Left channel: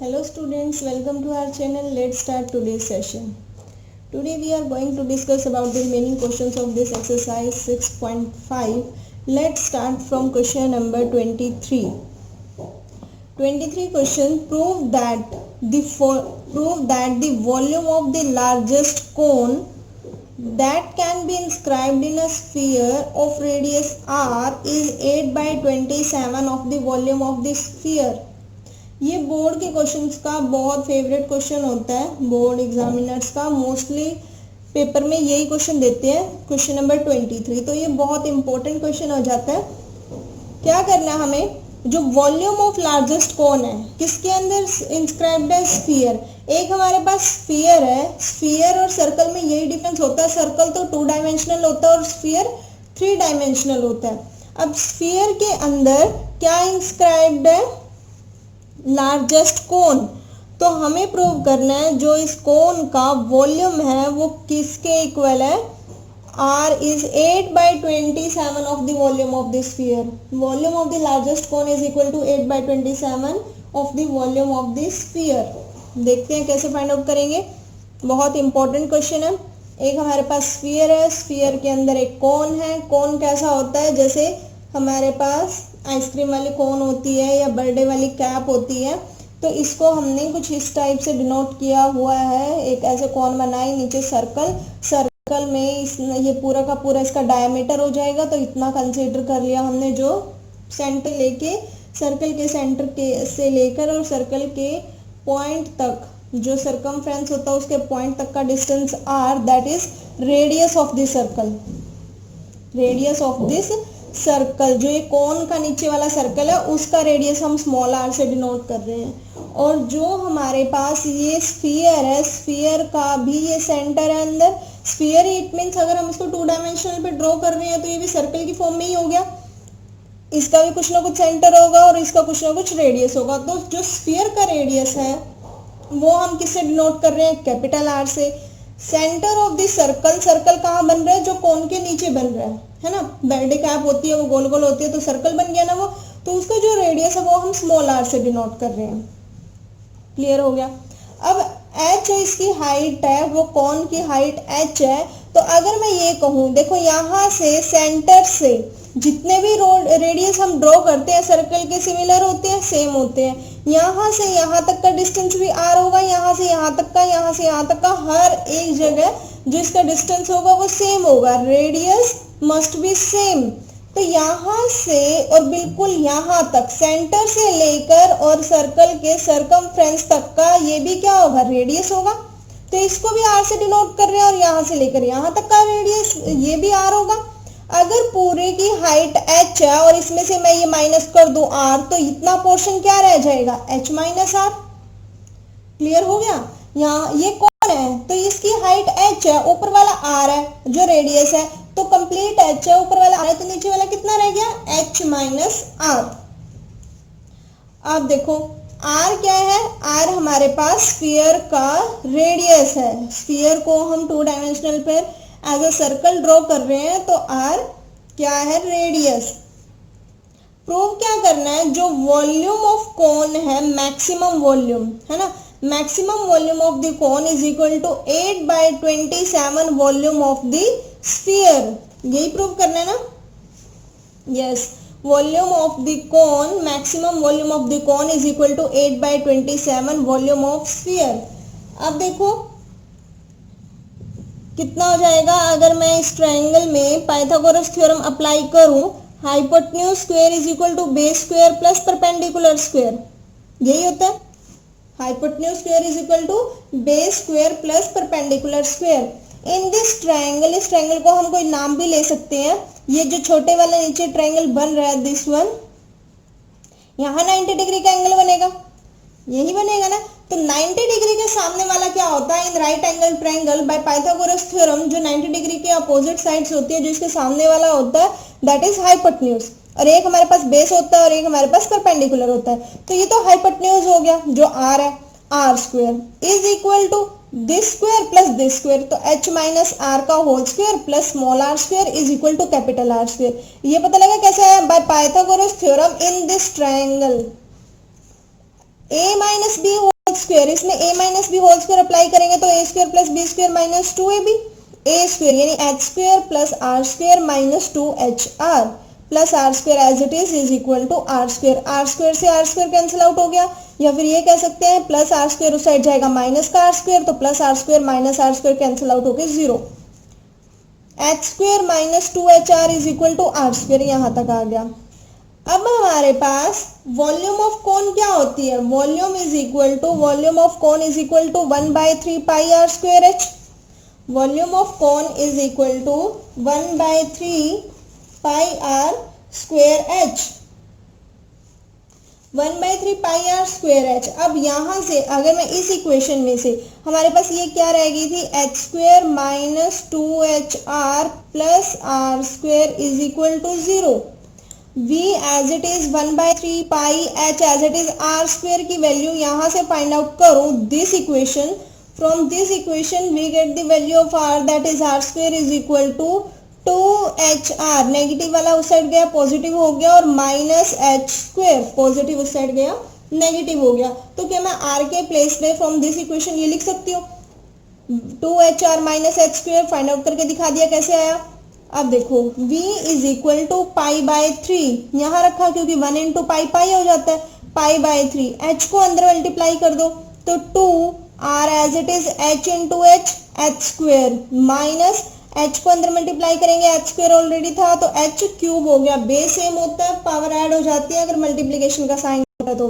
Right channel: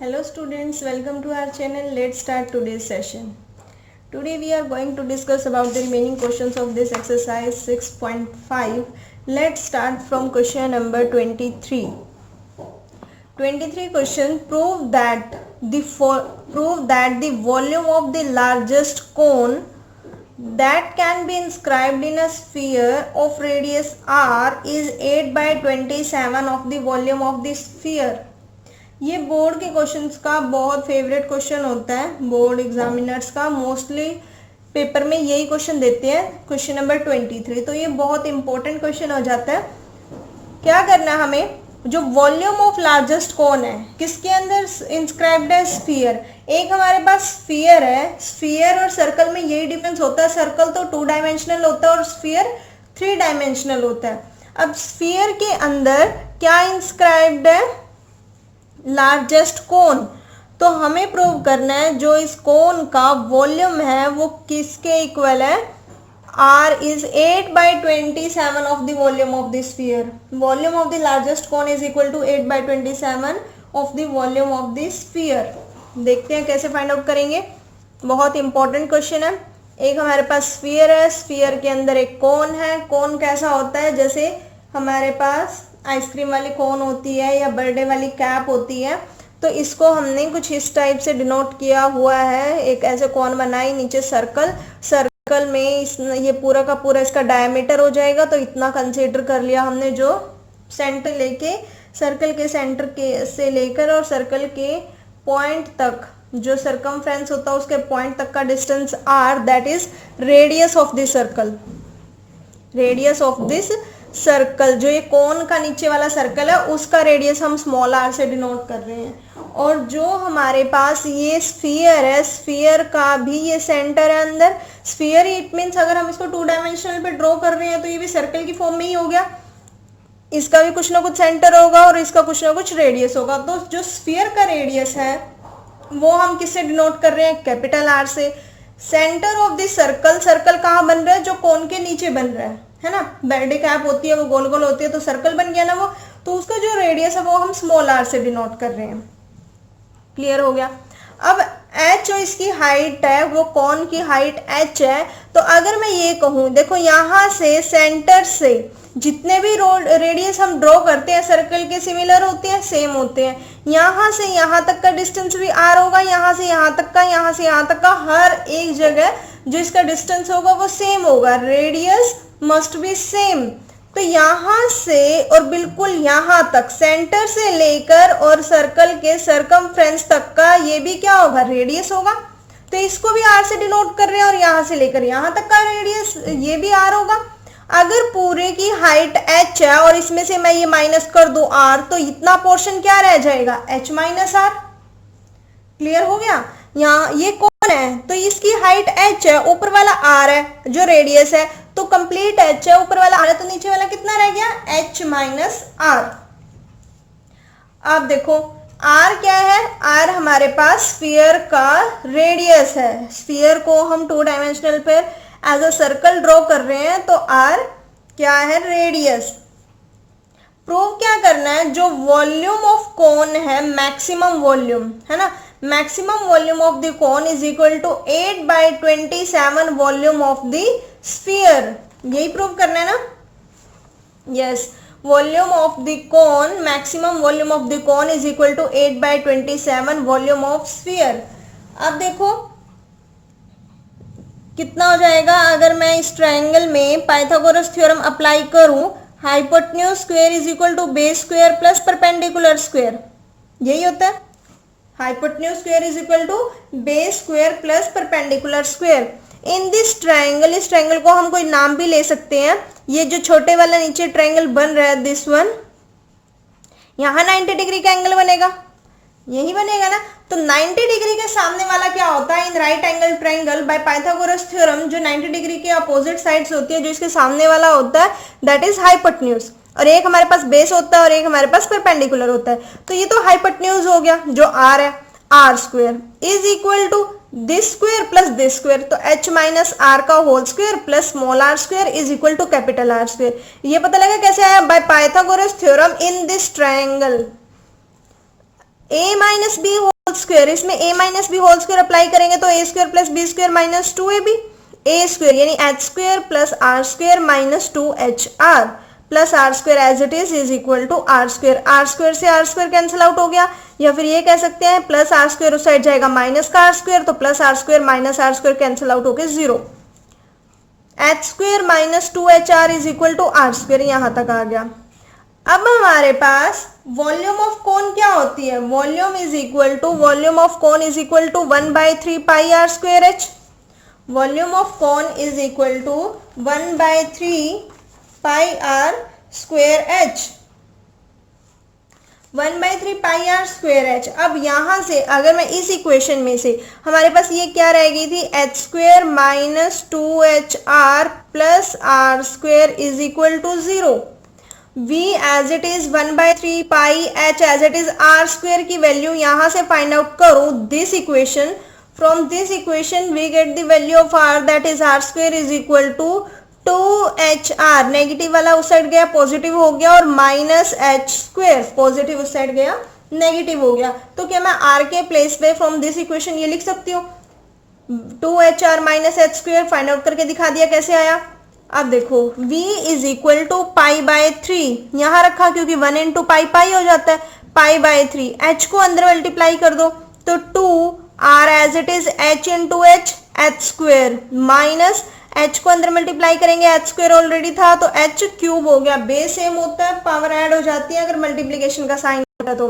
Hello students, welcome to our channel. Let's start today's session. Today we are going to discuss about the remaining questions of this exercise 6.5. Let's start from question number 23. 23 question, prove that the volume of the largest cone that can be inscribed in a sphere of radius r is 8/27 of the volume of the sphere. ये board के questions का बहुत favourite question होता है, board examiners का mostly paper में यही question देते हैं, क्वेश्चन नंबर 23। तो ये बहुत इंपॉर्टेंट क्वेश्चन हो जाता है। क्या करना है हमें, जो वॉल्यूम ऑफ लार्जेस्ट कौन है किसके अंदर इंस्क्राइब्ड है, स्फीयर। एक हमारे पास स्फीयर है, स्फीयर और सर्कल में यही डिफरेंस होता है, सर्कल तो 2 डायमेंशनल होता है और स्फीयर 3 डायमेंशनल होता है। अब स्फीयर के अंदर क्या इंस्क्राइब्ड है, लार्जेस्ट कोन। तो हमें प्रूव करना है जो इस कोन का वॉल्यूम है वो किसके इक्वल है, R is 8/27 of the volume of the sphere. Volume of the largest cone is equal to 8/27 of the volume of the sphere. देखते हैं कैसे फाइंड आउट करेंगे, बहुत इंपॉर्टेंट क्वेश्चन है। एक हमारे पास स्फीयर है, स्फीयर के अंदर एक कोन है। कोन कैसा होता है, जैसे हमारे पास आइसक्रीम वाली कोन होती है या बर्थडे वाली कैप होती है। तो इसको हमने कुछ इस टाइप से डिनोट किया हुआ है, एक ऐसे कोन बनाई, नीचे सर्कल, सर्कल में ये पूरा का पूरा इसका डायमीटर हो जाएगा। तो इतना कंसीडर कर लिया हमने, जो सेंटर लेके सर्कल के सेंटर के से लेकर और सर्कल के पॉइंट तक जो सर्कमफ्रेंस होता है उसके पॉइंट तक का distance r, that is radius of this circle. Radius of this circle, जो ये कोन का नीचे वाला सर्कल है उसका रेडियस हम स्मॉल r से डिनोट कर रहे हैं। और जो हमारे पास ये स्फीयर है, स्फीयर का भी ये सेंटर है अंदर। स्फीयर इट मीन्स अगर हम इसको 2 डायमेंशनल पे ड्रॉ कर रहे हैं तो ये भी सर्कल की फॉर्म में ही हो गया। इसका भी कुछ ना कुछ सेंटर होगा और इसका कुछ ना कुछ रेडियस होगा। तो जो स्फीयर का रेडियस है वो हम किससे डिनोट कर रहे हैं, कैपिटल R से। Centre of this circle, circle कहाँ बन रहा है, जो कोन के नीचे बन रहा है ना। बर्थडे कैप होती है वो गोल गोल होती है, तो सर्कल बन गया ना वो। तो उसका जो रेडियस है वो हम स्मॉल r से डिनोट कर रहे हैं। क्लियर हो गया। अब h जो इसकी हाइट है, वो कोन की हाइट h है। तो अगर मैं ये कहूँ, देखो यहाँ से सेंटर से जितने भी रेडियस हम ड्रॉ करते हैं सर्कल के सिमिलर होते हैं, सेम होते हैं। यहाँ से यहाँ तक का डिस्टेंस भी r होगा, यहाँ से यहाँ तक का, यहाँ से यहाँ तक का, हर एक जगह जो इसका डिस्टेंस होगा वो सेम होगा। Radius must be same. तो यहाँ से और बिल्कुल यहाँ तक, सेंटर से लेकर और सर्कल के सर्कमफ्रेंस तक का ये भी क्या होगा, रेडियस होगा। तो इसको भी r से डिनोट कर रहे हैं और यहाँ से लेकर यहाँ तक का रेडियस ये भी r होगा। अगर पूरे की हाइट h है और इसमें से मैं ये माइनस कर दूं r, तो इतना पोर्शन क्या रह जाएगा, h माइनस r। क्लियर हो गया। यहाँ ये कौन है, तो इसकी हाइट h है, ऊपर वाला r है जो रेडियस है। तो कंप्लीट h है, ऊपर वाला r है, तो नीचे वाला कितना रह गया, h माइनस r। अब देखो r क्या है, r हमारे पास स्फीयर का रेडियस है। स्फीयर को हम 2 डायमेंशनल पे एज अ सर्कल ड्रॉ कर रहे हैं, तो r क्या है, रेडियस। प्रूव क्या करना है, जो वॉल्यूम ऑफ कोन है, मैक्सिमम वॉल्यूम है ना, maximum volume of the cone is equal to 8/27 volume of the sphere. यही प्रूव करना है ना, yes. Volume of the cone, maximum volume of the cone is equal to 8/27 volume of sphere. अब देखो कितना हो जाएगा, अगर मैं इस ट्रायंगल में पाइथागोरस थ्योरम अप्लाई करूं, hypotenuse square is equal to base square plus perpendicular square. यही होता है, hypotenuse square is equal to base square plus perpendicular square. In this triangle, इस ट्रायंगल को हम कोई नाम भी ले सकते हैं। ये जो छोटे वाला नीचे ट्रायंगल बन रहा है, दिस वन, यहाँ 90 डिग्री का एंगल बनेगा, यही बनेगा ना। तो 90 डिग्री के सामने वाला क्या होता है, in right angle triangle bye Pythagoras theorem, जो 90 डिग्री के अपोजिट साइड्स होती है, जो इसके सामने वाला होता है, दैट इज हाइपोटेन्यूज। और एक हमारे पास बेस होता है और एक हमारे पास परपेंडिकुलर होता है। तो ये तो हाइपोटेन्यूज हो गया, जो r है, r square is equal to this square plus this square. तो h माइनस r का whole square plus small r square is equal to capital R square. ये पता लगा कैसे आया, by Pythagoras theorem in this triangle. a minus B whole square, इसमें a minus B whole square apply करेंगे तो a square plus B square minus 2ab, a square यानी h square plus r square minus 2hr plus R square as it is equal to R square, R square से R square cancel out हो गया, या फिर ये कह सकते हैं प्लस आर स्क्वायर उस साइड जाएगा माइनस का आर स्क्वायर, तो plus R square minus R square cancel out होके 0, H square minus 2hr is equal to R square, यहां तक आ गया। अब हमारे पास वॉल्यूम ऑफ कोन क्या होती है, volume is equal to, volume of cone is equal to 1/3 pi are square H, volume of cone is equal to 1/3 pi are square H, 1/3 pi are square H. अब यहां से अगर मैं इस इक्वेशन में से हमारे पास ये क्या रह गई थी, H square minus 2hr plus R square is equal to 0, v as it is 1/3 pi h as it is R square की वैल्यू यहां से फाइंड आउट करो this equation, from this equation we get the value of r that is R square is equal to 2hr, negative वाला उस side गया positive हो गया, और माइनस एच स्क्वायर, पॉजिटिव उस साइड गया नेगेटिव हो गया, तो क्या मैं r के प्लेस पे फ्रॉम दिस इक्वेशन ये लिख सकती हूँ 2hr minus H square, find out करके दिखा दिया कैसे आया। अब देखो v is equal to pi by 3 यहां रखा क्योंकि 1 इंटू पाई पाई हो जाता है, पाई बाय 3, h को अंदर मल्टीप्लाई कर दो तो 2r as it is h into H, H square minus h को अंदर मल्टीप्लाई करेंगे, h स्क्वायर ऑलरेडी था तो h क्यूब हो गया, बेस सेम होता है पावर ऐड हो जाती है अगर मल्टीप्लीकेशन का साइन होता है तो।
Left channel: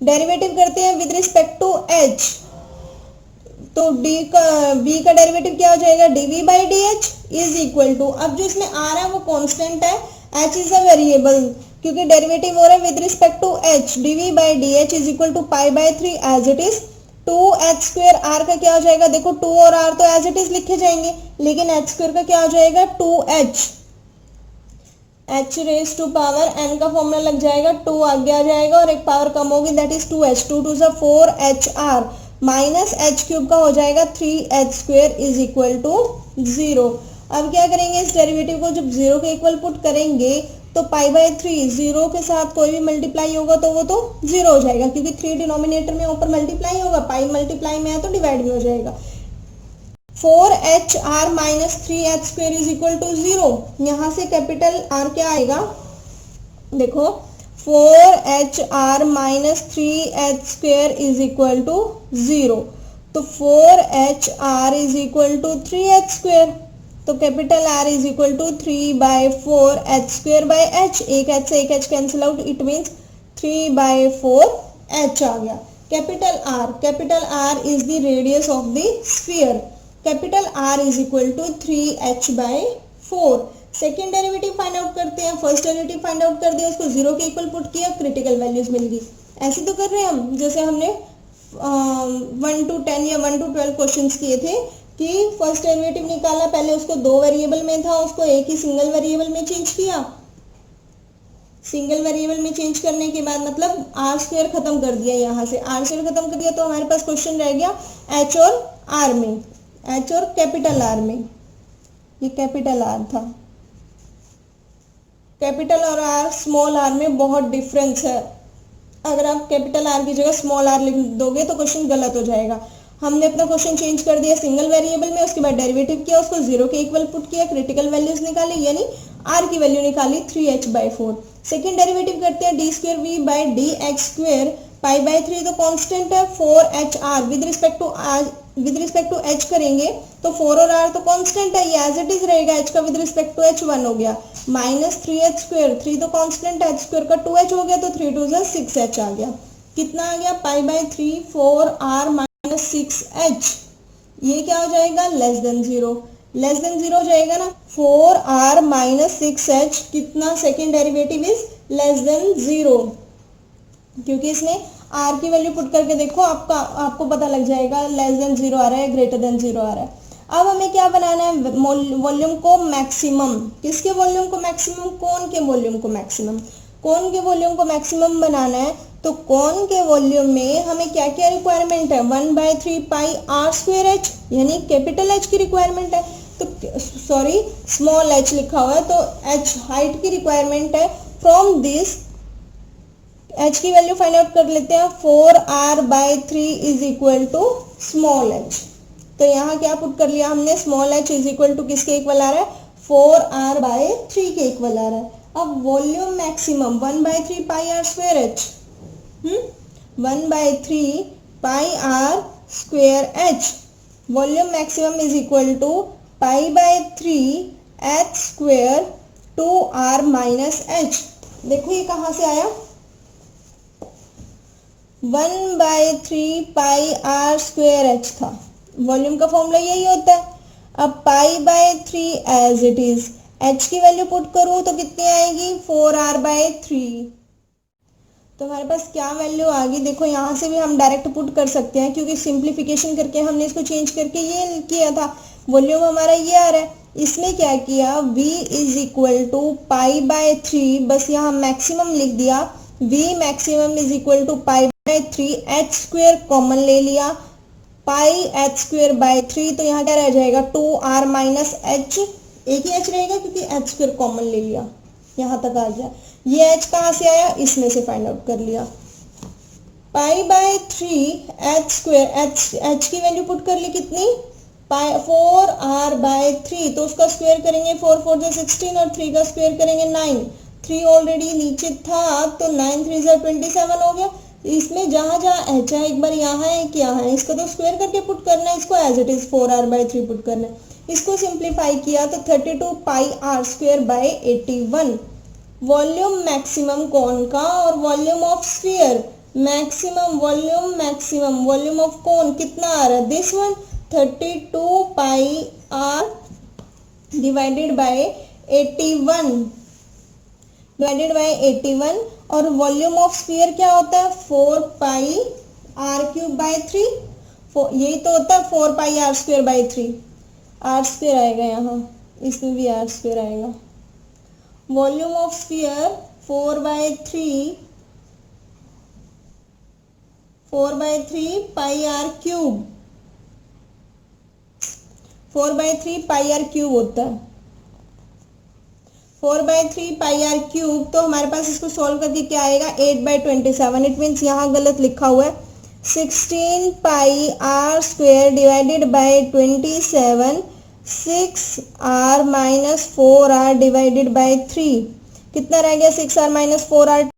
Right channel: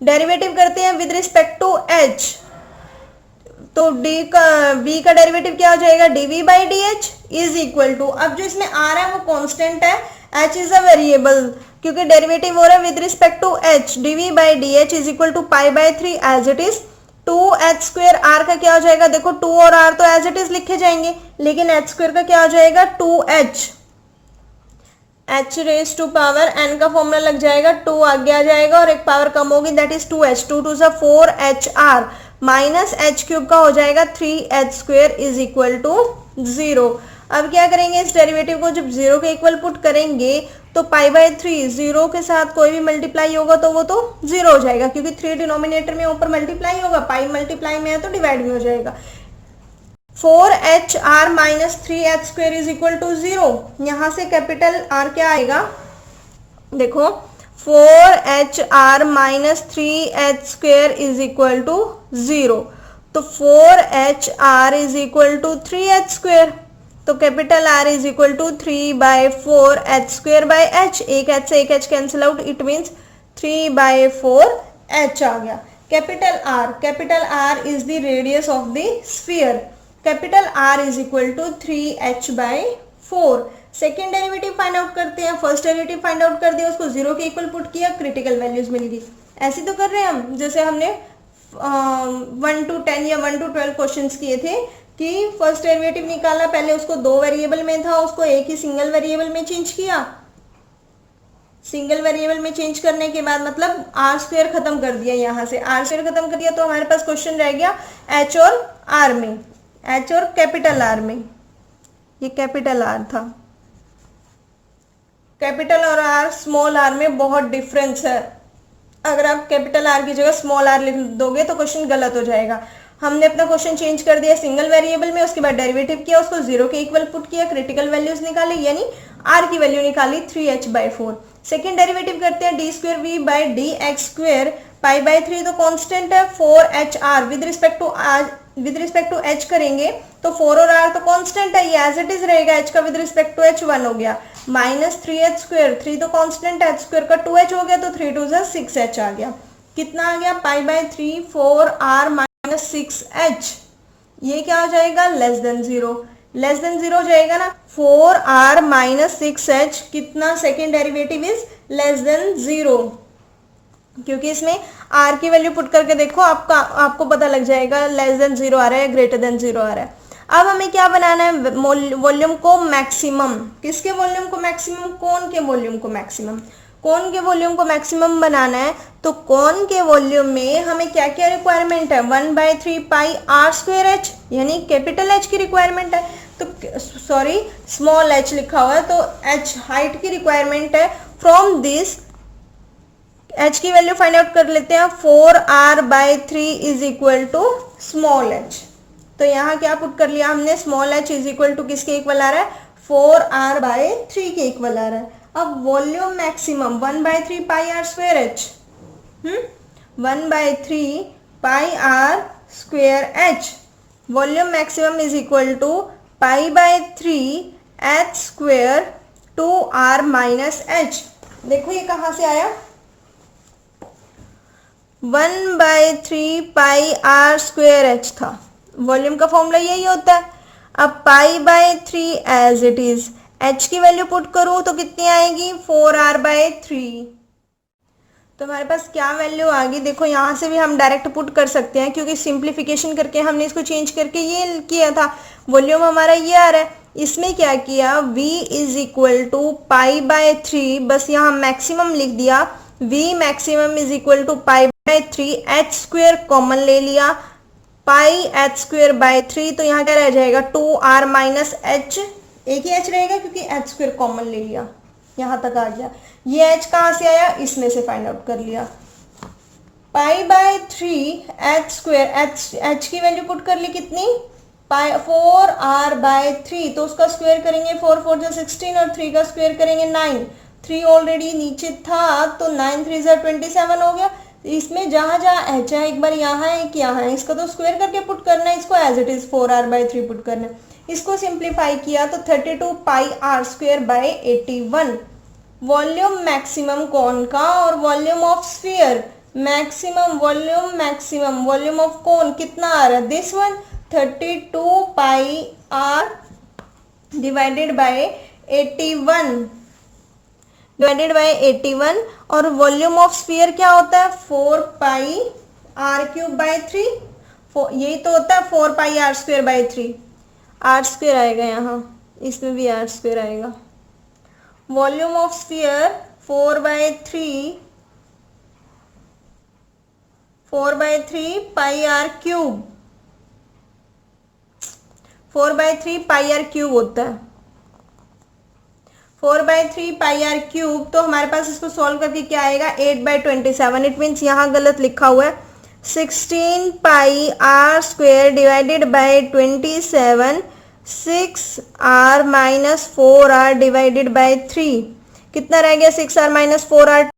डेरिवेटिव करते हैं विद रिस्पेक्ट टू h, तो v का डेरिवेटिव क्या हो जाएगा, dv by dh is equal to, अब जो इसमें आ रहा है वो कांस्टेंट है, h इज अ वेरिएबल क्योंकि डेरिवेटिव हो रहा है with respect to h, dv by dh is equal to pi by 3 as it is 2h square, r का क्या हो जाएगा, देखो 2 और r तो एज इट इज लिखे जाएंगे, लेकिन h स्क्वायर का क्या हो जाएगा 2h, h raise to power n का फॉर्मूला लग जाएगा, 2 आगे आ जाएगा और एक पावर कम होगी that is 2h, 2 to 4hr minus H cube का हो जाएगा 3h square is equal to 0। अब क्या करेंगे, इस डेरिवेटिव को जब 0 के इक्वल पुट करेंगे तो पाई बाय 3 0 के साथ कोई भी मल्टीप्लाई होगा तो वो तो 0 हो जाएगा क्योंकि 3 डिनोमिनेटर में ऊपर मल्टीप्लाई होगा, पाई मल्टीप्लाई में है तो डिवाइड में हो जाएगा। 4hr minus 3h square is equal to 0, यहाँ से कैपिटल R क्या आएगा, देखो 4hr minus 3h square is equal to 0, तो 4hr is equal to 3h square, तो capital R is equal to 3/4h square by h, एक h से एक h cancel out, it means 3/4h आ गया। Capital R is the radius of the sphere, capital R is equal to 3h/4। Second derivative find out करते हैं, first derivative find out कर दिया, उसको 0 के इक्वल पुट किया, क्रिटिकल वैल्यूज मिल गई। ऐसे तो कर रहे हैं हम जैसे हमने 1 to 10 या 1 to 12 क्वेश्चंस किए थे कि फर्स्ट डेरिवेटिव निकाला, पहले उसको 2 वेरिएबल में था, उसको एक ही सिंगल वेरिएबल में चेंज किया, सिंगल वेरिएबल में चेंज करने के बाद मतलब आर स्क्वायर खत्म कर दिया, यहाँ से आर स्क्वायर खत्म कर दिया तो हमारे पास क्वेश्चन रह गया एच और आर में, एच और कैपिटल आर में, ये कैपिटल आर था, कैपिटल और आर स्मॉल आर में बहुत डिफरेंस है, अगर आप कैपिटल आर की जगह स्मॉल आर लिख दोगे तो क्वेश्चन गलत हो जाएगा। हमने अपना क्वेश्चन चेंज कर दिया सिंगल वेरिएबल में, उसके बाद डेरिवेटिव किया, उसको 0 के इक्वल पुट किया, क्रिटिकल वैल्यूज निकाली यानी r की वैल्यू निकाली 3h/4। सेकेंड डेरिवेटिव करते हैं d square v by D x square, pi by 3 तो कांस्टेंट है, 4hr with respect to h करेंगे तो 4 और r तो कांस्टेंट है, ये एज इट इज रहेगा, h का विद रिस्पेक्ट टू h 1 हो गया, माइनस 3h स्क्वायर, 3 तो कांस्टेंट है, h स्क्वायर का 2h हो गया तो 3 2 6h आ गया, कितना आ गया pi by 3 4r minus 6h, ये क्या हो जाएगा लेस देन 0, लेस देन 0 हो जाएगा ना, 4r माइनस 6h कितना, second derivative is less than 0, क्योंकि इसमें r की वैल्यू पुट करके देखो आपको पता लग जाएगा लेस देन 0 आ रहा है ग्रेटर देन 0 आ रहा है। अब हमें क्या बनाना है, वॉल्यूम को मैक्सिमम, किसके वॉल्यूम को मैक्सिमम, कोन के वॉल्यूम को मैक्सिमम, कोन के वॉल्यूम को मैक्सिमम बनाना है तो कोन के वॉल्यूम में हमें क्या क्या रिक्वायरमेंट है, 1/3 पाई r स्क्वायर h यानी कैपिटल H की रिक्वायरमेंट है, तो सॉरी स्मॉल h लिखा हुआ है तो h हाइट की रिक्वायरमेंट है, फ्रॉम दिस एच की वैल्यू फाइंड आउट कर लेते हैं। 4r/3 is equal to small h. तो यहाँ क्या पुट कर लिया हमने, small h is equal to किसके इक्वल आ रहा है, 4r/3 के इक्वल आ रहा है। अब volume maximum 1/3 pi are square H, 1/3 pi are square H. Volume maximum is equal to π/3 h square 2r minus H. देखो ये कहाँ से आया, 1/3 पाई आर स्क्वायर एच था, वॉल्यूम का फॉर्मूला यही होता है। अब π/3 एज इट इज, एच की वैल्यू पुट करूँ तो कितनी आएगी, 4r/3। तो हमारे पास क्या वैल्यू आ गई, देखो यहाँ से भी हम डायरेक्ट पुट कर सकते हैं क्योंकि सिंप्लीफिकेशन करके हमने इसको चेंज करके ये किया था। वॉल्यूम हमारा ये आ रहा है, इसमें क्या किया, v इज इक्वल टू π/3, बस यहाँ मैक्सिमम लिख दिया, v maximum is equal to π/3, h square common ले लिया, पाई एच स्क्वेयर बाय 3, तो यहाँ क्या रह जाएगा 2r माइनस एच, एक ही एच रहेगा क्योंकि एच स्क्वेयर कॉमन ले लिया, यहाँ तक आ गया। ये एच कहाँ से आया, इसमें से फाइंड आउट कर लिया। π/3 एच स्क्वेयर, एच की वैल्यू पुट कर ली कितनी, 4r/3, तो उसका स्क्वायर करेंगे 4 4 जा 16 और 3 का स्क्वायर करेंगे 9। 3 ऑलरेडी नीचे था तो 9 3 जा 27 हो गया। इसमें जहाँ जहाँ एच है, एक बार यहाँ है एक यहाँ है, इसको तो स्क्वायर करके पुट करना है, इसको as it is 4r/3 put करना है। इसको सिंप्लीफाई किया तो 32 pi are square by 81। Volume maximum कौन का और volume of sphere, maximum volume of कौन कितना आ रहा है, this one 32 pi r divided by 81 और वॉल्यूम ऑफ स्फीयर क्या होता है, 4 पाई आर क्यूब बाय 3, यही तो होता है 4 pi are square by 3, r square आएगा यहाँ, इसमें भी आर स्क्वायर आएगा। Volume of sphere 4/3 pi r cube, 4/3 pi r cube होता है, 4/3 पाई आर क्यूब। तो हमारे पास इसको सॉल्व करके क्या आएगा, 8/27। इट मीन्स यहाँ गलत लिखा हुआ है, 16 pi are square divided by 27, 6r minus 4r divided by 3, कितना रह गया 6r minus 4r,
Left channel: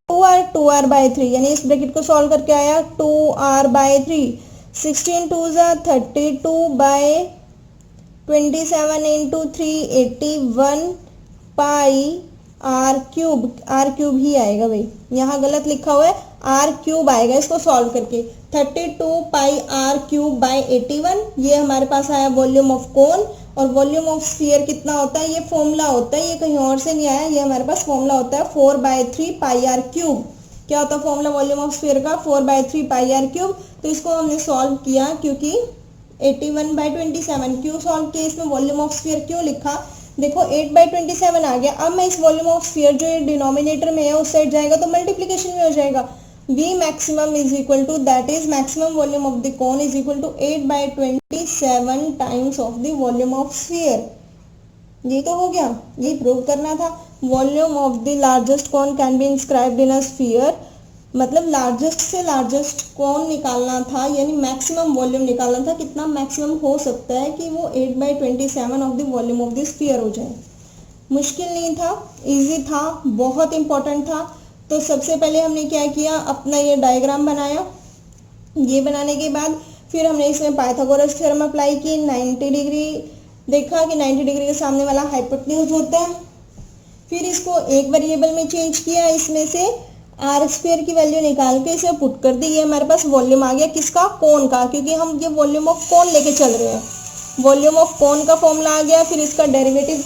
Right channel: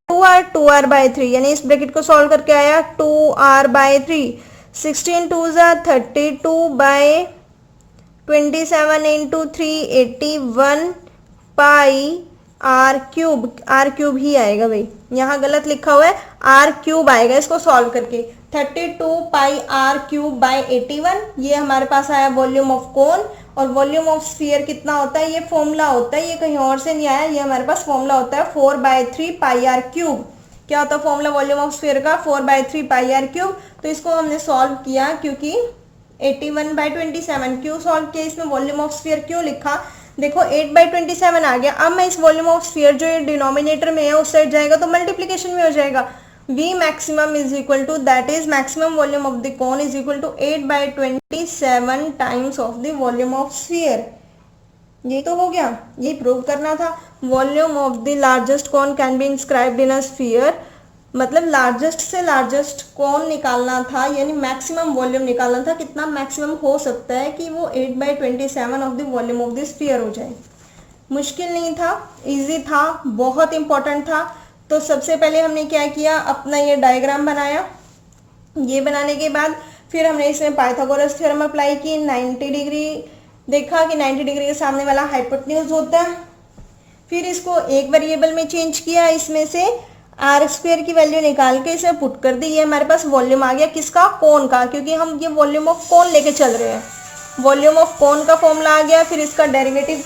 2r bye 3, यानी इस ब्रैकेट को सॉल्व करके आया 2r बाय 3, 16 2 जा 32 by 27 into 3 81 pi r cube ही आएगा भाई, यहाँ गलत लिखा हुआ है आर क्यूब आएगा इसको सॉल्व करके, 32 पाई आर क्यूब बाय 81। ये हमारे पास आया वॉल्यूम ऑफ कोन। और वॉल्यूम ऑफ स्फीयर कितना होता है, ये फॉर्मूला होता है, ये कहीं और से नहीं आया, ये हमारे पास फॉर्मूला होता है 4/3 पाई आर क्यूब। क्या होता है फॉर्मूला वॉल्यूम ऑफ स्फीयर का, 4/3 पाई आर क्यूब। तो इसको हमने सॉल्व किया क्योंकि 81/27 क्यों सॉल्व किया, इसमें वॉल्यूम ऑफ स्फीयर क्यों लिखा, देखो 8/27 आ गया। अब मैं इस वॉल्यूम ऑफ स्फीयर जो डिनोमिनेटर में है उस साइड जाएगा तो मल्टीप्लीकेशन में हो जाएगा, V maximum is equal to, that is maximum volume of the cone is equal to 8/27 times of the volume of sphere। ये तो हो गया, ये प्रूव करना था। Volume of the largest cone can be inscribed in a sphere, मतलब largest से largest cone निकालना था, यानी मैक्सिमम वॉल्यूम निकालना था, कितना मैक्सिमम हो सकता है कि वो 8/27 of the volume of the sphere हो जाए। मुश्किल नहीं था, इजी था, बहुत इंपॉर्टेंट था। तो सबसे पहले हमने क्या किया, अपना ये डायग्राम बनाया। ये बनाने के बाद फिर हमने इसमें पाइथागोरस थ्योरम अप्लाई की, 90 डिग्री देखा कि 90 डिग्री के सामने वाला हाइपोटेन्यूज होता है। फिर इसको एक वेरिएबल में चेंज किया, इसमें से आर स्क्वायर की वैल्यू निकाल के इसे पुट कर दी। ये हमारे पास वॉल्यूम आ गया, किसका, कोन का, क्योंकि हम ये वॉल्यूम ऑफ कोन लेके चल रहे हैं। वॉल्यूम ऑफ कोन का फॉर्मूला आ गया। फिर इसका डेरिवेटिव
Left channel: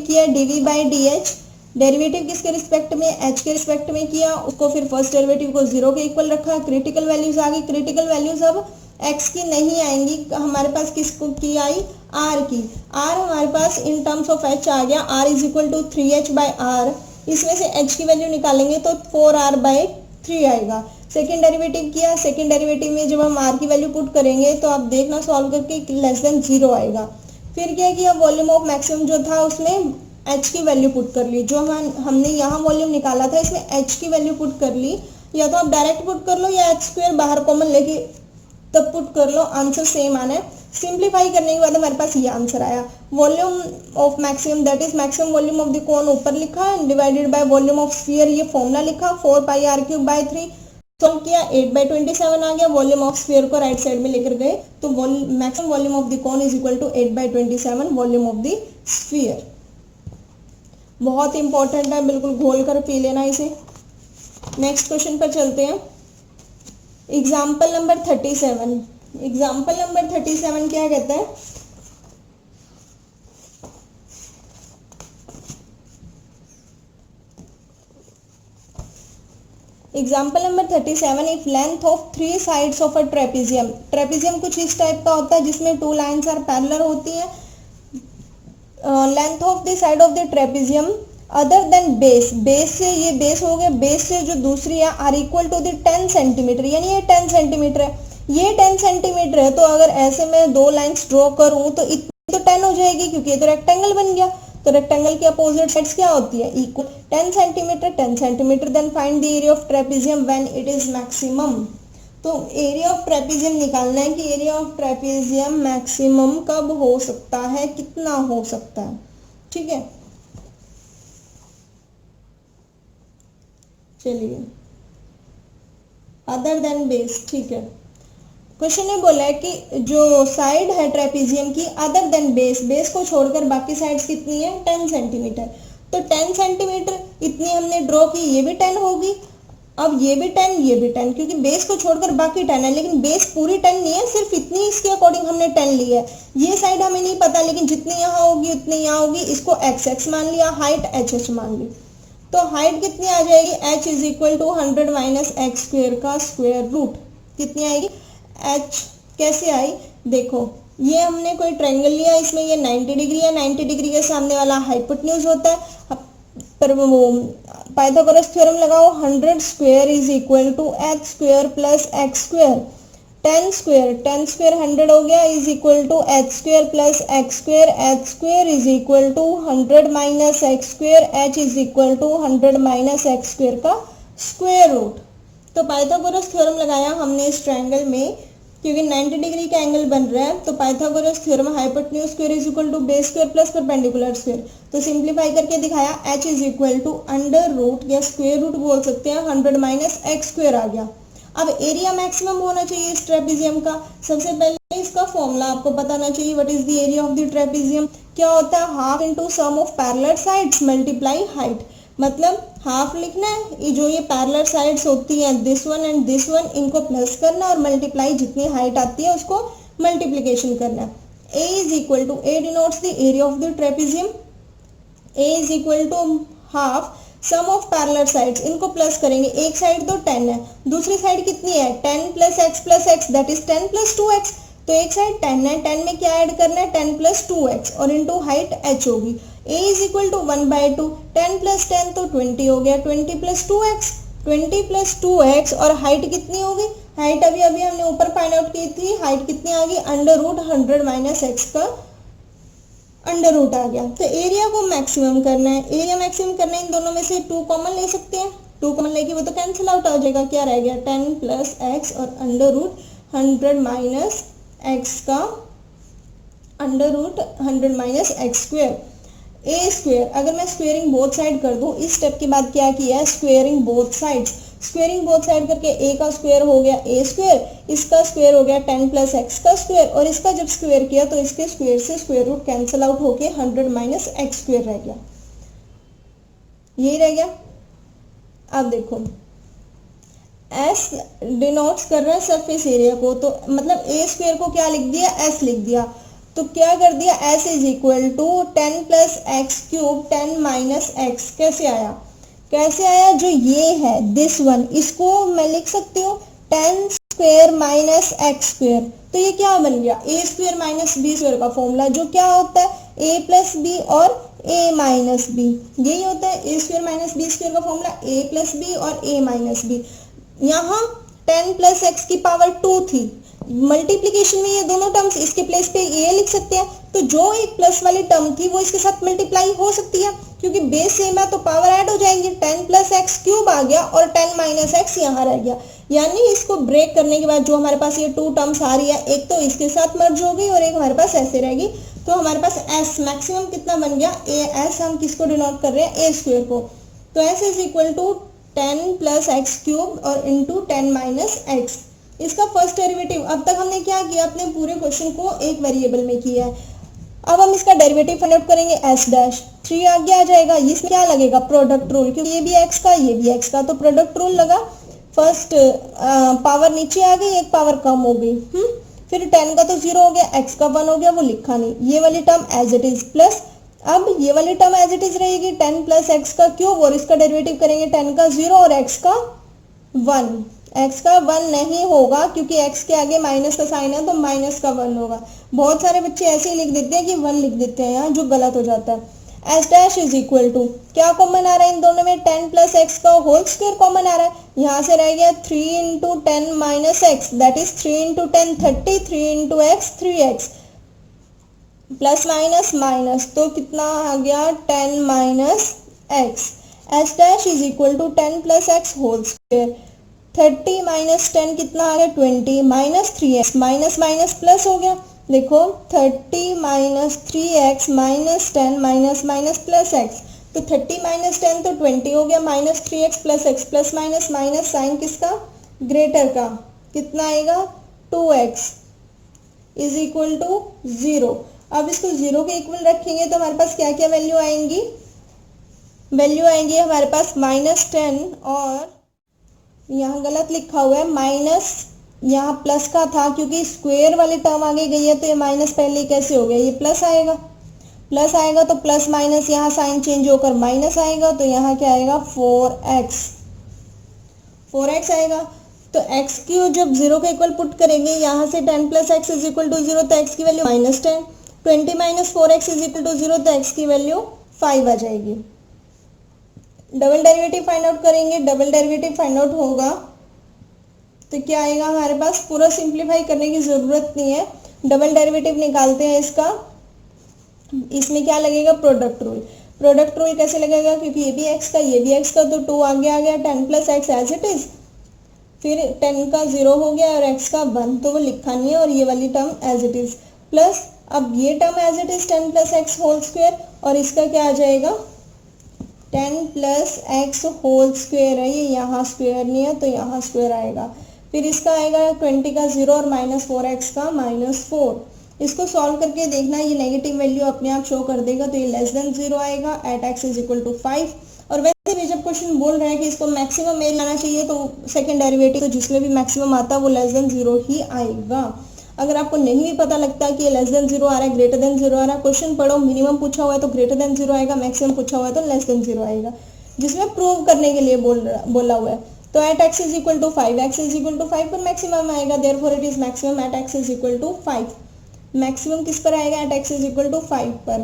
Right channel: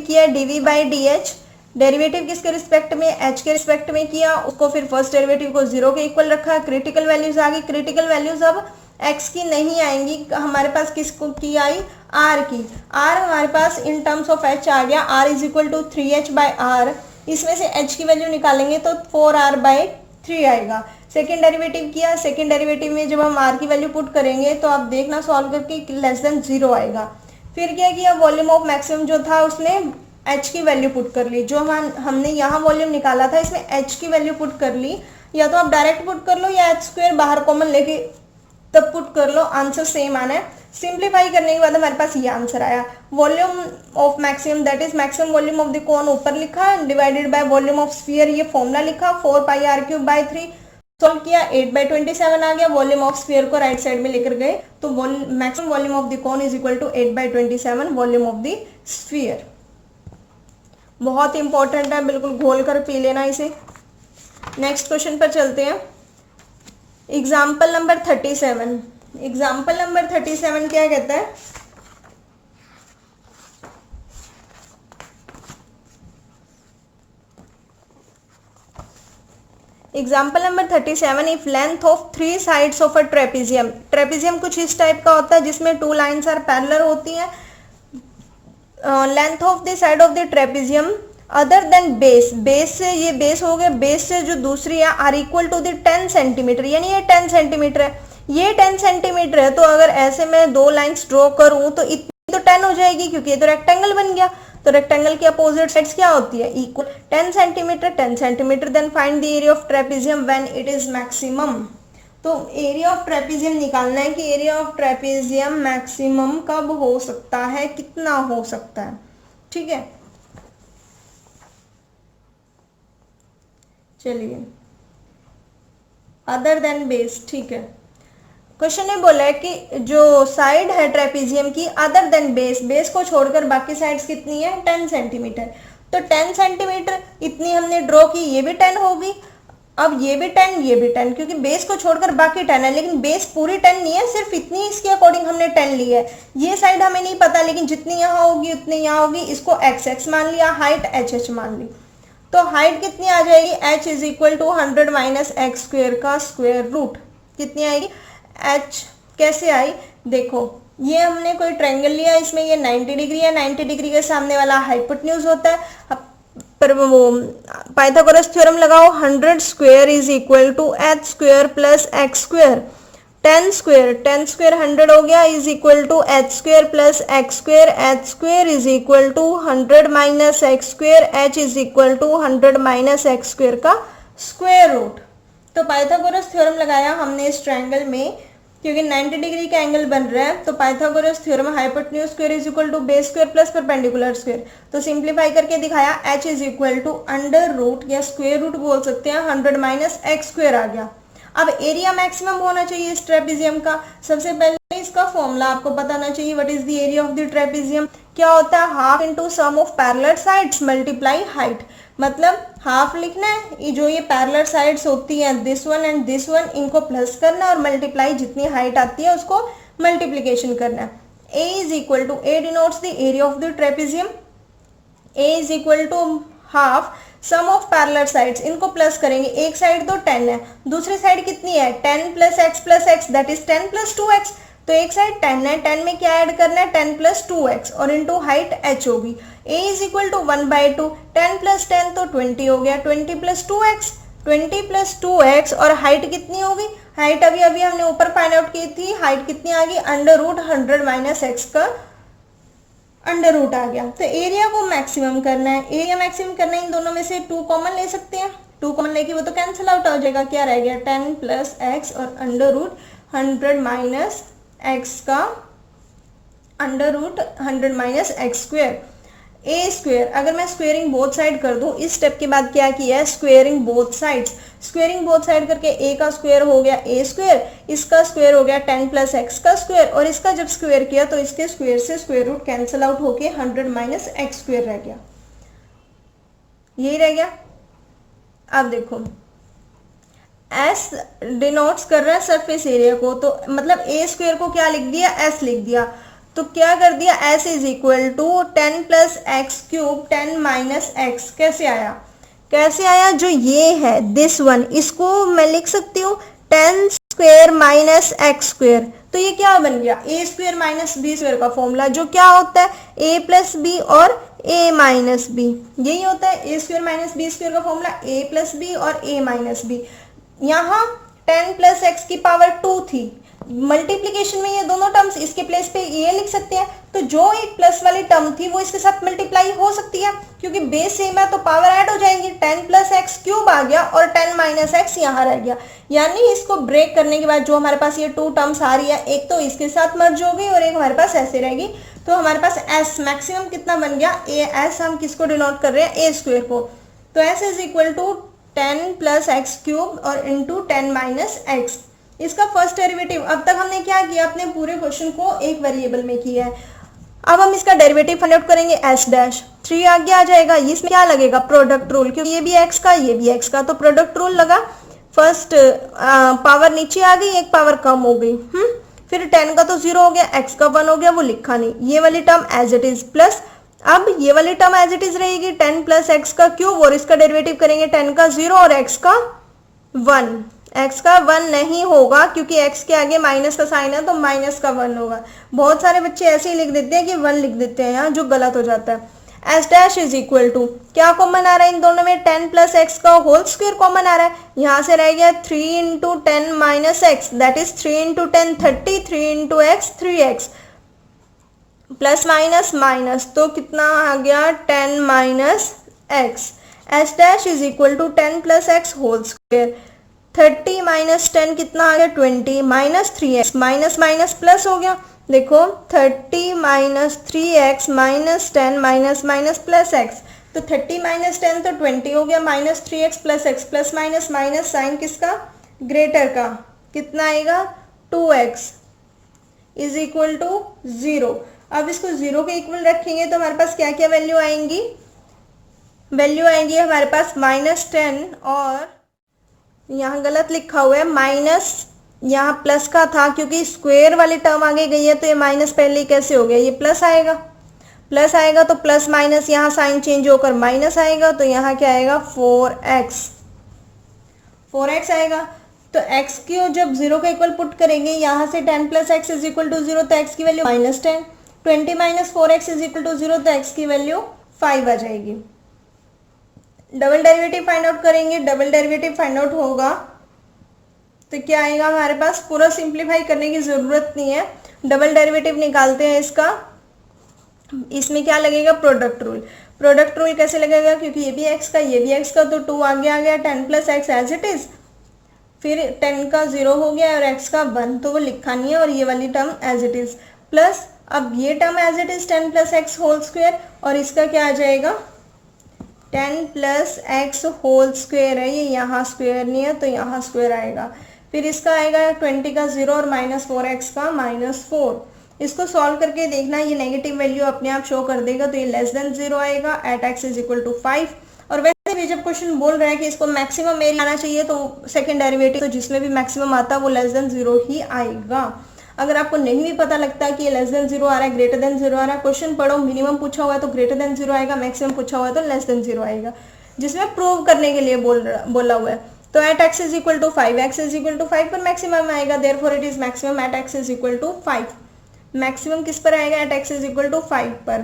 किया, dv/dh। डेरिवेटिव किसके रिस्पेक्ट में, एच के रिस्पेक्ट में किया, उसको फिर फर्स्ट डेरिवेटिव को 0 के इक्वल रखा। क्रिटिकल वैल्यूज आ गई, क्रिटिकल वैल्यूज अब एक्स की नहीं आएंगी, हमारे पास किसको की आई, आर की। आर हमारे पास इन टर्म्स ऑफ एच आ गया, are is equal to 3h/r। इसमें से एच की वैल्यू निकालेंगे तो 4r/3 आएगा। सेकेंड डेरिवेटिव किया, सेकेंड डेरिवेटिव में जब हम आर की वैल्यू पुट करेंगे तो आप देखना सॉल्व करके लेस देन 0 आएगा। फिर क्या किया, वॉल्यूम ऑफ मैक्सिमम जो था उसमें h की वैल्यू पुट कर ली, जो हमने यहाँ वॉल्यूम निकाला था इसमें h की वैल्यू पुट कर ली, या तो आप डायरेक्ट पुट कर लो या h स्क्वायर बाहर कॉमन लेके तब पुट कर लो, आंसर सेम आना है। सिंप्लीफाई करने के बाद हमारे पास ये आंसर आया, volume of maximum that is maximum volume of the cone ऊपर लिखा, divided by volume of sphere ये फॉर्मूला लिखा, 4πr³/3 सॉल्व किया, 8/27 आ गया, वॉल्यूम ऑफ स्फीयर को राइट साइड में लेकर गए तो maximum volume of the cone is equal to 8/27 volume of the sphere. बहुत इंपॉर्टेंट है, बिल्कुल घोल कर पी लेना इसे। नेक्स्ट क्वेश्चन पर चलते हैं। Example number 37। एग्जाम्पल नंबर 37 क्या कहता है, example number 37, if length of 3 sides of a trapezium, trapezium कुछ इस टाइप का होता है जिसमें 2 लाइन्स आर पैरेलल होती हैं, length of the side of the trapezium other than base, base से ये बेस हो गया, बेस से जो दूसरी है are equal to the 10 centimetre, यानी ये 10 सेंटीमीटर है, ये 10 सेंटीमीटर है, तो अगर ऐसे मैं 2 लाइंस ड्रॉ करूं तो इतनी तो 10 हो जाएगी क्योंकि ये तो रेक्टेंगल बन गया, तो रेक्टेंगल की अपोजिट साइड्स क्या होती है, equal, 10 centimetre, then find the area of trapezium when it is maximum. तो एरिया ऑफ ट्रेपेजियम निकालना है कि एरिया ऑफ ट्रेपेजियम मैक्सिमम कब हो सकता है, कितना हो सकता है, ठीक है। चलिए, अदर देन बेस, ठीक है। क्वेश्चन ने बोला है कि जो साइड है ट्रेपेजियम की अदर देन बेस, बेस को छोड़कर बाकी साइड्स कितनी है, 10 सेंटीमीटर, तो 10 सेंटीमीटर इतनी हमने ड्रॉ की, ये भी 10 होगी, अब ये भी 10 ये भी 10, क्योंकि बेस को छोड़कर बाकी 10 है, लेकिन बेस पूरी 10 नहीं है, सिर्फ इतनी इसके अकॉर्डिंग हमने 10 ली है। ये साइड हमें नहीं पता, लेकिन जितनी यहाँ होगी उतनी यहाँ होगी, इसको x मान लिया, हाइट h मान ली, तो हाइट कितनी आ जाएगी, h is equal to 100 minus X square का स्क्वायर रूट, कितनी आएगी, h कैसे आई, देखो ये हमने कोई ट्रायंगल लिया, इसमें ये 90 डिग्री है, 90 डिग्री के सामने वाला हाइपोटेन्यूज होता है, पर वो पाइथागोरस थ्योरम लगाओ, 100 square is equal to h square plus x square, 10 square 100 हो गया is equal to h square plus x square is equal to 100 minus x square, h is equal to 100 minus x square का square root. तो Pythagoras theorem लगाया हमने इस triangle में, क्योंकि 90 degree का एंगल बन रहा है, तो Pythagoras theorem hypotenuse square is equal to base square plus perpendicular square, तो सिंप्लीफाई करके दिखाया h is equal to under root या स्क्वायर रूट बोल सकते हैं, 100 माइनस एक्स स्क्वायर आ गया। अब एरिया मैक्सिमम होना चाहिए इस ट्रेपेजियम का, सबसे पहले इसका फॉर्मूला आपको पता होना चाहिए, what is the area of the trapezium, क्या होता है, half into sum of parallel sides multiply height, मतलब हाफ लिखना है, ये जो ये पैरेलल साइड्स होती हैं this one and this one, इनको प्लस करना और मल्टीप्लाई जितनी हाइट आती है उसको मल्टीप्लीकेशन करना है। a is equal to, a denotes the area of the trapezium, a is equal to half sum of parallel sides, इनको प्लस करेंगे, एक साइड तो 10 है, दूसरी साइड कितनी है 10 plus x that is 10 plus 2x, तो एक साइड 10 है, 10 में क्या ऐड करना है 10 प्लस 2x और इनटू हाइट h होगी, a is equal to 1/2, 10 plus 10 तो 20 हो गया, 20 प्लस 2x, 20 प्लस 2x और हाइट कितनी होगी, हाइट अभी अभी हमने ऊपर फाइंड आउट की थी, हाइट कितनी आ गई, अंडर रूट 100 माइनस एक्स का अंडर रूट आ गया। तो एरिया को मैक्सिमम करना है, एरिया मैक्सिमम करना है, इन दोनों में से 2 कॉमन ले सकते हैं, 2 कॉमन लेके वो तो कैंसिल आउट हो जाएगा, क्या रह गया 10 प्लस एक्स और अंडर रूट 100 माइनस एक्स का under root 100 minus x square, a square, अगर मैं स्क्वेयरिंग बोथ साइड कर दूं, इस स्टेप के बाद क्या किया है, squaring both sides, squaring both side करके ए का स्क्वायर हो गया ए स्क्वायर, इसका स्क्वायर हो गया 10 प्लस एक्स का स्क्वायर, और इसका जब स्क्वायर किया तो इसके स्क्वायर से स्क्वायर रूट कैंसिल आउट होके 100 माइनस एक्स स्क्वायर रह गया, यही रह गया। अब देखो एस डिनोट्स कर रहा है सरफेस एरिया को, तो मतलब ए स्क्वायर को क्या लिख दिया, एस लिख दिया, तो क्या कर दिया, S is equal to 10 plus X cube 10 minus X, कैसे आया, जो ये है दिस वन, इसको मैं लिख सकती हूँ 10 स्क्वायर माइनस एक्स स्क्वायर, तो ये क्या बन गया, ए स्क्वायर माइनस बी स्क्वायर का फॉर्मूला, जो क्या होता है ए प्लस बी और ए माइनस बी, यही होता है ए स्क्वायर माइनस बी स्क्वायर का फॉर्मूला, ए प्लस बी और ए माइनस बी। यहाँ 10 प्लस एक्स की पावर 2 थी, मल्टीप्लीकेशन में ये दोनों टर्म्स, इसके प्लेस पे ये लिख सकते हैं, तो जो एक प्लस वाली टर्म थी वो इसके साथ मल्टीप्लाई हो सकती है, क्योंकि बेस सेम है तो पावर ऐड हो जाएगी। 10 प्लस एक्स क्यूब आ गया और 10 माइनस एक्स यहाँ रह गया, यानी इसको ब्रेक करने के बाद जो हमारे पास ये 2 टर्म्स आ रही है, एक तो इसके साथ मर्ज हो गई और एक हमारे पास ऐसे रहेगी। तो हमारे पास एस मैक्सिमम कितना बन गया, ए एस हम किसको डिनोट कर रहे हैं, ए स्क्वायर को। तो S is equal to 10 plus X cube और इंटू 10 माइनस एक्स, इसका फर्स्ट डेरिवेटिव। अब तक हमने क्या किया, अपने पूरे क्वेश्चन को एक वेरिएबल में किया है। अब हम इसका डेरिवेटिव फाइंड आउट करेंगे, एस डैश 3 आगे आ जाएगा, इसमें क्या लगेगा, प्रोडक्ट रूल, क्योंकि ये भी एक्स का ये भी एक्स का, तो प्रोडक्ट रूल लगा। फर्स्ट पावर नीचे आ गई, एक पावर कम हो गई। फिर 10 का तो 0 हो गया, x का 1 हो गया, वो लिखा नहीं, ये वाली term as it is plus. अब ये वाली टर्म एज इट इज रहेगी 10 प्लस एक्स का क्यूब, और इसका डेरिवेटिव करेंगे 10 का 0 और x का 1। x का 1 नहीं होगा क्योंकि x के आगे माइनस का साइन है, तो माइनस का 1 होगा। बहुत सारे बच्चे ऐसे ही लिख देते हैं कि 1 लिख देते हैं यहाँ, जो गलत हो जाता है। S dash is equal to क्या कॉमन आ रहा है इन दोनों में, 10 प्लस एक्स का होल स्क्वायर कॉमन आ रहा है। यहाँ से रह गया 3 into 10 minus X, that is 3 into 10 30, 3 into X 3x, plus minus minus, तो कितना आ गया 10 minus X. S dash is equal to 10 plus x whole square, 30 minus 10 कितना आ गया 20, minus 3x, minus minus plus हो गया। देखो 30 minus 3x minus 10 minus minus plus x, तो 30 माइनस 10 तो 20 हो गया, minus 3x plus x, plus minus minus sign किसका, ग्रेटर का, कितना आएगा 2x इज इक्वल टू 0। अब इसको 0 के इक्वल रखेंगे तो हमारे पास क्या क्या वैल्यू आएंगी, वैल्यू आएंगी हमारे पास माइनस 10, और यहाँ गलत लिखा हुआ है माइनस, यहाँ प्लस का था क्योंकि स्क्वायर वाली टर्म आगे गई है, तो ये माइनस पहले कैसे हो गया, ये प्लस आएगा, प्लस आएगा तो प्लस माइनस यहाँ साइन चेंज होकर माइनस आएगा, तो यहाँ क्या आएगा 4x आएगा। तो x की जब 0 का इक्वल पुट करेंगे, यहाँ से 10 plus x is equal to 0, तो x की value minus 10, 20 minus 4x is equal to 0, तो x की वैल्यू 5 आ जाएगी। डबल डेरिवेटिव फाइंड आउट करेंगे, डबल डेरिवेटिव फाइंड आउट होगा तो क्या आएगा हमारे पास, पूरा सिंप्लीफाई करने की जरूरत नहीं है, डबल डेरिवेटिव निकालते हैं इसका। इसमें क्या लगेगा, प्रोडक्ट रूल। प्रोडक्ट रूल कैसे लगेगा, क्योंकि ये भी x का ये भी x का, तो 2 आगे आ गया, 10 plus x as it is, फिर 10 का 0 हो गया और x का 1, तो वो लिखा नहीं है, और ये वाली term as it is plus. अब ये term as it is 10 plus x whole square, और इसका क्या आ जाएगा 10 प्लस एक्स होल स्क्वायर है, ये यहाँ स्क्वायर नहीं है तो यहाँ स्क्वायर आएगा। फिर इसका आएगा 20 का 0 और माइनस 4x का -4। इसको सॉल्व करके देखना, ये नेगेटिव वैल्यू अपने आप शो कर देगा, तो ये लेस देन 0 आएगा, at x is equal to 5। और वैसे भी जब क्वेश्चन बोल रहा है कि इसको मैक्सिमम एरिया आना चाहिए, तो सेकंड डेरिवेटिव तो जिसमें भी मैक्सिमम आता है वो लेस देन 0 ही आएगा। अगर आपको नहीं भी पता लगता है कि ये लेस देन 0 आ रहा है, ग्रेटर देन 0 आ रहा है, क्वेश्चन पढ़ो, मिनिमम पूछा हुआ है तो ग्रेटर देन 0 आएगा, मैक्सिमम पूछा हुआ है तो लेस देन 0 आएगा, जिसमें प्रूव करने के लिए बोला हुआ है। तो at x is equal to 5, x is equal to 5 पर मैक्सिमम आएगा, therefore it is maximum at x is equal to 5। Maximum किस पर आएगा, at x is equal to 5 पर।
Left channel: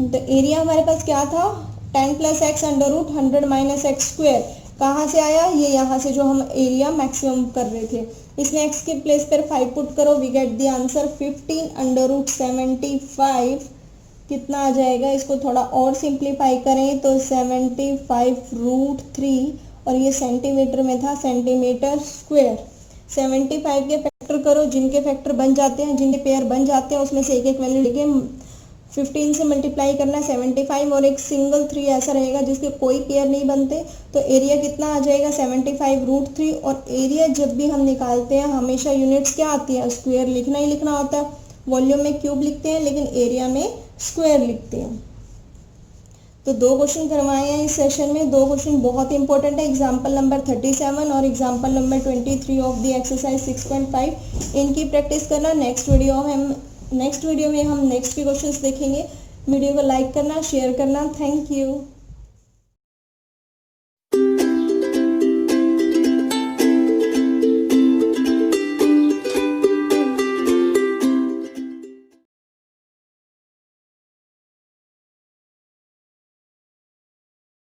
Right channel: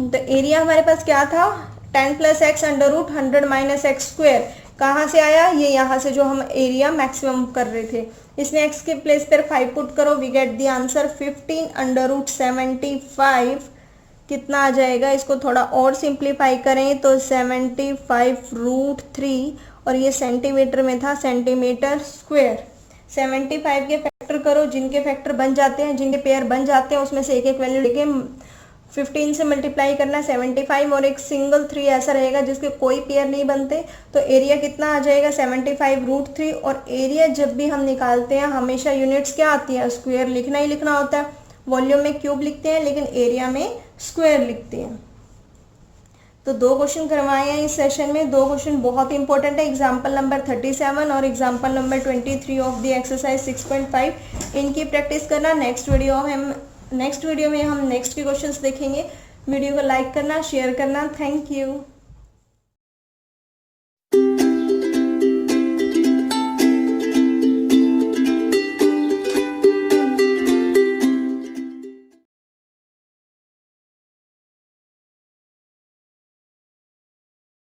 तो एरिया हमारे पास क्या था, 10 plus x under root 100 minus x square, कहाँ से आया, ये यहाँ से जो हम एरिया मैक्सिमम कर रहे थे, इसमें x के प्लेस पर 5 पुट करो, we get the answer 15 under root 75, कितना आ जाएगा, इसको थोड़ा और सिंप्लीफाई करें तो 75 रूट 3, और ये सेंटीमीटर में था, सेंटीमीटर स्क्वायर। 75 के फैक्टर करो, जिनके फैक्टर बन जाते हैं, जिनके पेयर बन जाते हैं, उसमें से एक एक वैल्यू लेके 15 से मल्टीप्लाई करना, 75 और एक सिंगल 3 ऐसा रहेगा जिसके कोई पेयर नहीं बनते, तो एरिया कितना आ जाएगा 75 रूट 3। और एरिया जब भी हम निकालते हैं हमेशा यूनिट्स क्या आती है, स्क्वायर लिखना ही लिखना होता है। वॉल्यूम में क्यूब लिखते हैं लेकिन एरिया में स्क्वायर लिखते हैं। तो 2 क्वेश्चन करवाए हैं इस सेशन में, 2 क्वेश्चन बहुत इंपॉर्टेंट है, एग्जाम्पल नंबर 37 और example number 23 of the exercise 6.5। इनकी प्रैक्टिस करना। नेक्स्ट वीडियो में हम नेक्स्ट के क्वेश्चंस देखेंगे। वीडियो को लाइक करना, शेयर करना। Thank you.